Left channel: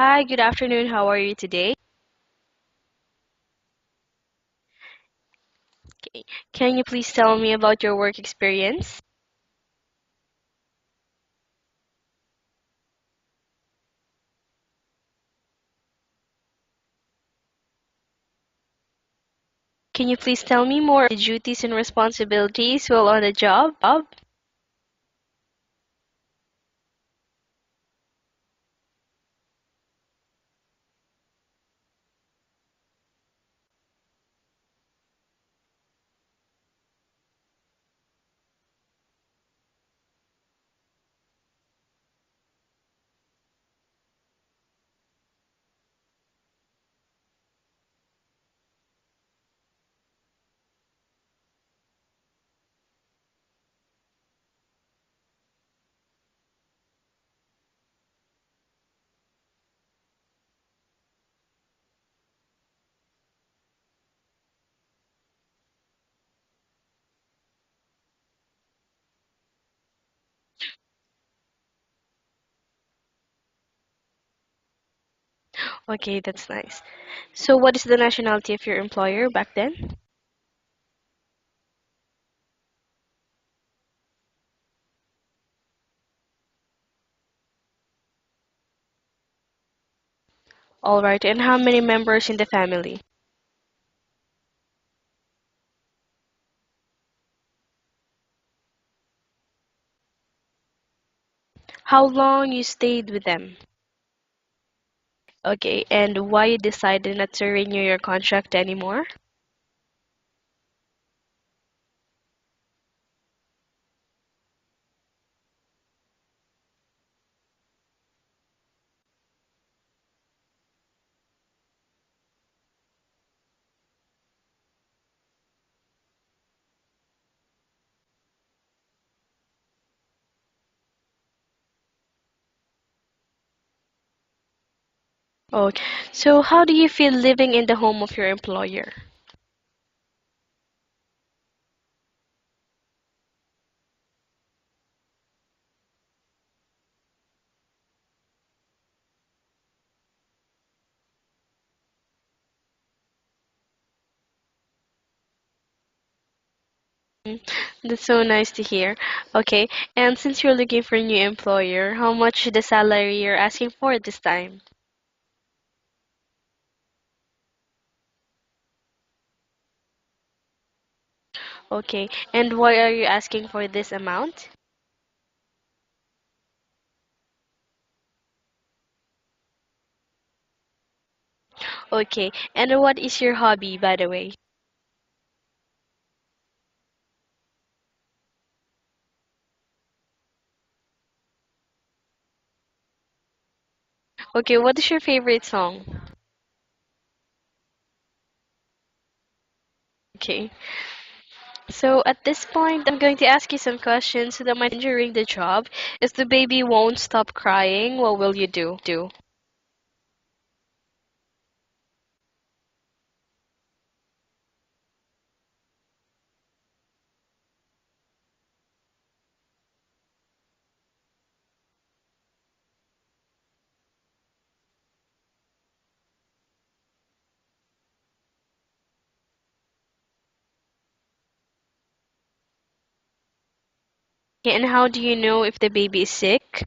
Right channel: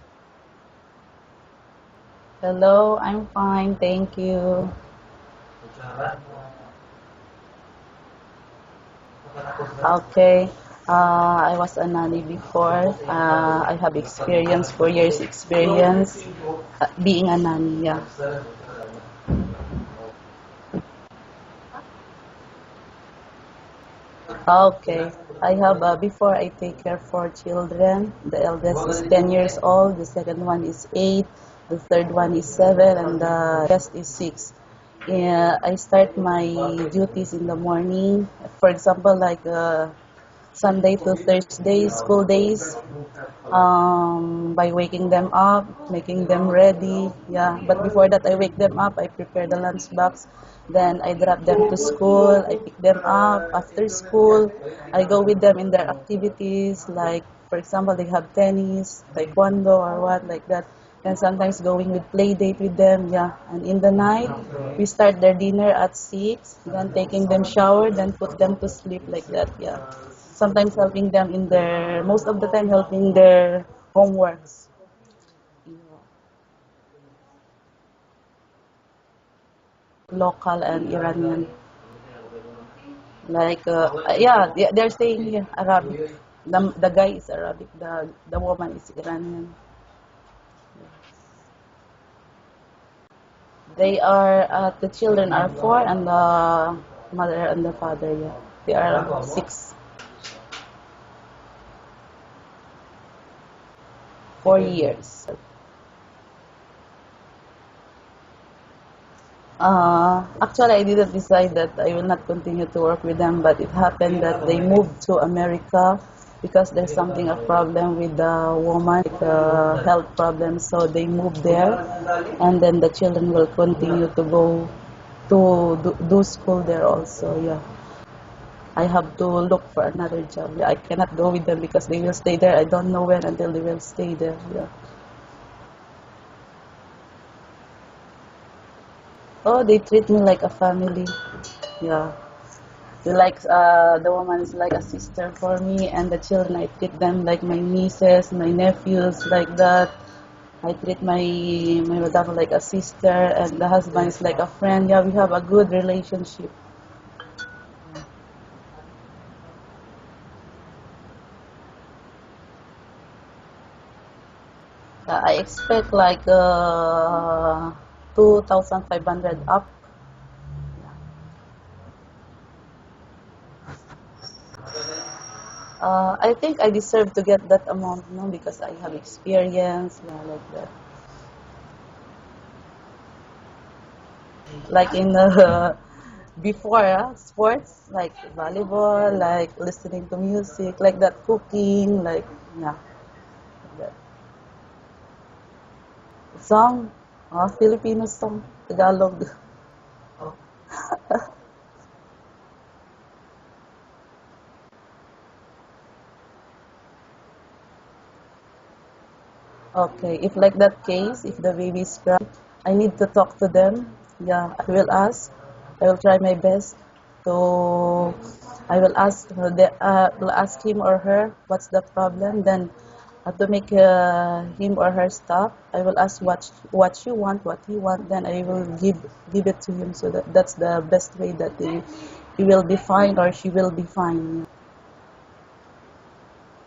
Hi, good afternoon. How are you today? Hello, I'm fine, thank you. Can you please tell me about your work experience? Okay, I was a nanny before. I have experience, 4 years experience being a nanny. Yeah. Can you please tell me more of the duties and responsibilities while on the job? Okay, I have before I take care 4 children. The eldest is 10 years old. The second one is 8. The third one is 7, and the rest is 6. Yeah, I start my duties in the morning. For example, like Sunday to Thursday, school days, by waking them up, making them ready. Yeah, but before that, I wake them up, I prepare the lunch box, then I drop them to school, I pick them up after school, I go with them in their activities, like, for example, they have tennis, taekwondo, or what, like that. And sometimes going with play date with them, yeah. And in the night, we start their dinner at 6, then taking them shower, then put them to sleep like that, yeah. Sometimes helping them in their, most of the time helping their homeworks. Okay, that's nice. So, what is the nationality of your employer back then? Local and Iranian. Like, yeah, they're saying here Arabic. The guy is Arabic, the woman is Iranian. All right, and how many members in the family? They are, the children are 4, and the mother and the father, yeah. They are 6, How long you stayed with them? 4 years. Okay, and why you decided not to renew your contract anymore? Actually, I didn't decide that I will not continue to work with them, but it happened that they moved to America because there's something a problem with the woman, like health problems. So they moved there, and then the children will continue to go to do school there also. Yeah, I have to look for another job. Yeah, I cannot go with them because they will stay there. I don't know when until they will stay there. Yeah. Okay, so how do you feel living in the home of your employer? Oh, they treat me like a family. Yeah. Like the woman is like a sister for me, and the children I treat them like my nieces, my nephews, like that. I treat my madam like a sister, and the husband is like a friend. Yeah, we have a good relationship. Mm, that's so nice to hear. Okay, and since you're looking for a new employer, how much the salary you're asking for this time? I expect like 2,500 up. Okay, and why are you asking for this amount? I think I deserve to get that amount, no, because I have experience, yeah, like that. Okay, and what is your hobby, by the way? Like in before sports, like volleyball, like listening to music, like that, cooking, like, yeah, like that. Okay, what is your favorite song? Song, Filipino song, Tagalog. Okay, so at this point, I'm going to ask you some questions so that my during the job, if the baby won't stop crying, what will you do? Okay, if like that case, if the baby is crying, I need to talk to them. Yeah, I will ask. I will try my best to. I will ask him or her what's the problem. Then, to make him or her stop, I will ask what you want, what he want. Then I will give it to him. So that's the best way that he will be fine or she will be fine. Okay, and how do you know if the baby is sick?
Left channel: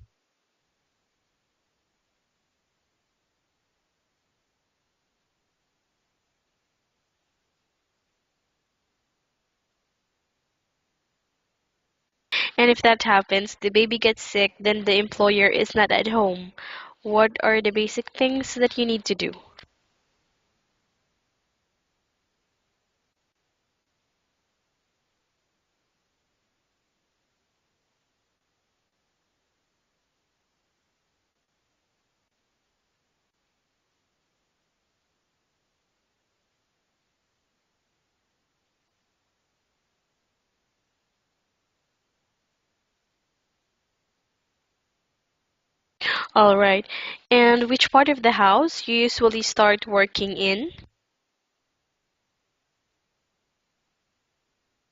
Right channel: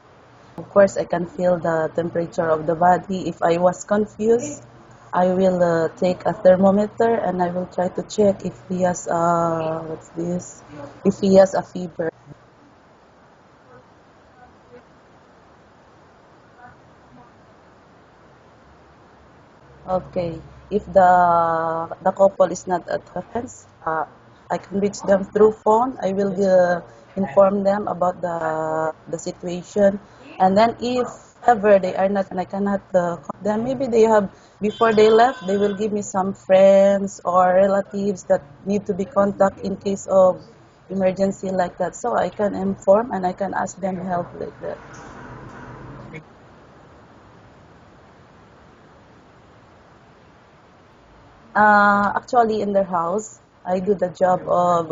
Of course, I can feel the temperature of the body. If I was confused, I will take a thermometer and I will try to check if he has what's this? If he has a fever. And if that happens, the baby gets sick, then the employer is not at home. What are the basic things that you need to do? Okay. If the couple is not at reference, I can reach them through phone. I will inform them about the situation, and then if ever they are not and I cannot contact them, maybe they have before they left, they will give me some friends or relatives that need to be contacted in case of emergency like that. So I can inform and I can ask them help like that. All right. And which part of the house you usually start working in? Actually, in their house, I do the job of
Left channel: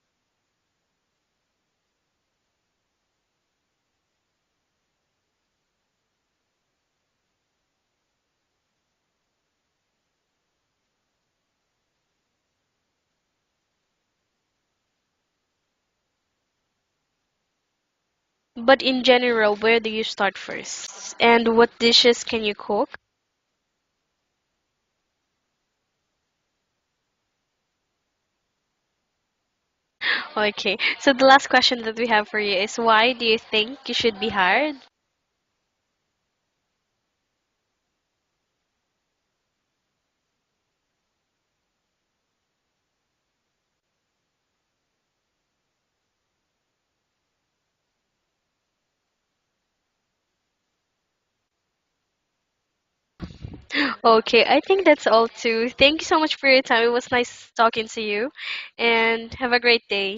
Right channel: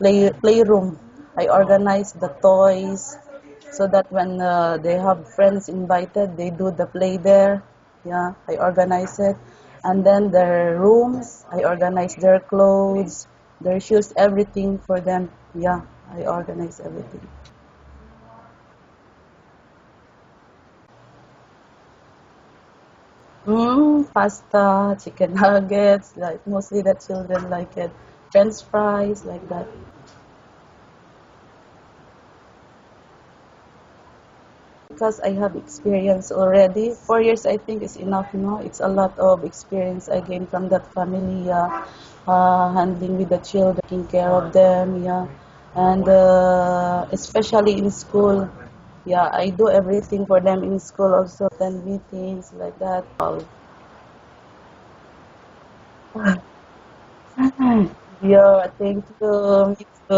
playroom. I organize the toys, so that when they have friends invited, they do the play there. Yeah, I organize it. And then their rooms, I organize their clothes, their shoes, everything for them. Yeah, I organize everything. But in general, where do you start first? And what dishes can you cook? Pasta, chicken nuggets, like mostly the children like it. French fries, like that. Okay, so the last question that we have for you is why do you think you should be hired? Because I have experience already. 4 years, I think, is enough. No, it's a lot of experience I gained from that family. Handling with the children, taking care of them. Yeah, and especially in school. Yeah, I do everything for them in school. Also, attend meetings like that. Okay, I think that's all too. Thank you so much for your time. It was nice talking to you, Yeah, thank and have a you. Me great day. too.